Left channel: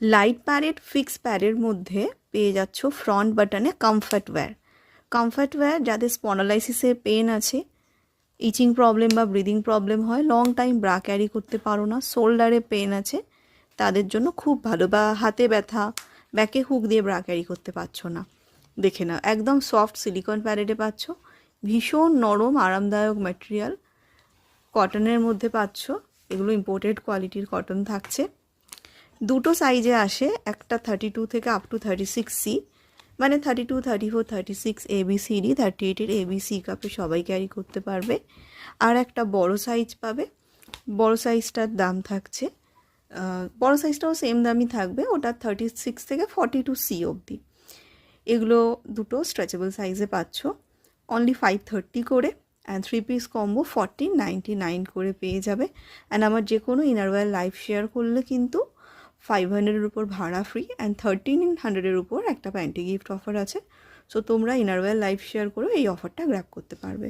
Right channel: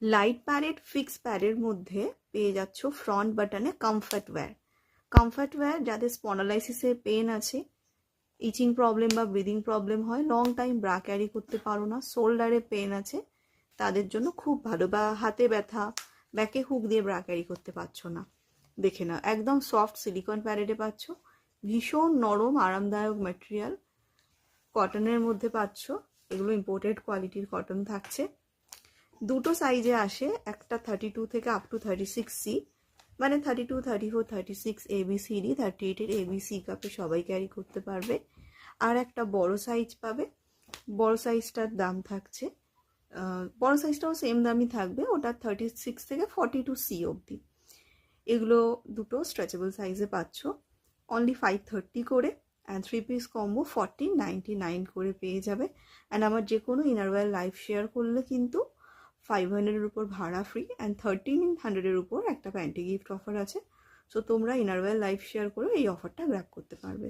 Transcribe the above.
Light parade fix প্যারের মধ্যে পেয়ে যাচ্ছ ফ্রন্ট বাটনে কমফর্ট ওয়্যার যাদের স্পন্ডালাইসিসের পেন আছে, ইচিং প্রবলেম বা ব্রিদিং প্রবলেম হয়, লং টাইম ব্রা ক্যারি করতে পারো না, শোল্ডারে পেন আছে, তাদের জন্য খুব ভালো। বা হাতে ব্যথা, ব্যাকে হুক দিয়ে ব্রা ক্যারি করতে পারছো না, দেখে নাও একদম সফট সিলিকন প্যারেডে পাচ্ছ, ভীষণ নরম আরামদায়ক ম্যাটেরিয়াল, কটনের মধ্যে পাচ্ছ। এগুলো ইম্পোর্টেড কোয়ালিটির কটন থাকছে। দুটো সাইজে আসে, একটা 32 থেকে আপ টু 36C, মানে 32, 34, 36 ABCD, 38-এর ABC কাপে সবাই ক্যারি করতে পারবে। আর একটা বড় সাইজ পাবে, বড় সাইজটার দাম থাকছে, বড় সাইজটাও সেম দামই থাকবে, ওটা 36 থেকে 42C অবধি। এগুলো দুটো স্ট্রেচেবল সাইজে পাচ্ছ, অনলি 530 করে। অ্যান্ড 3 পিস কম্বো 1499 করে পেয়ে যাবে। অ্যান্ড আমার যে কোনো ইনারওয়্যার লাইভ শেয়ার করলে কিন্তু 500-এর উপর ভাড়া ফ্রি, অ্যান্ড 1300-এর উপর একটা প্যান্টি গিফট অফার আছে। সো তোমরা ইনারওয়্যার লাইভ শেয়ার করে এই অফারটা গ্র্যাব করতে পারবে।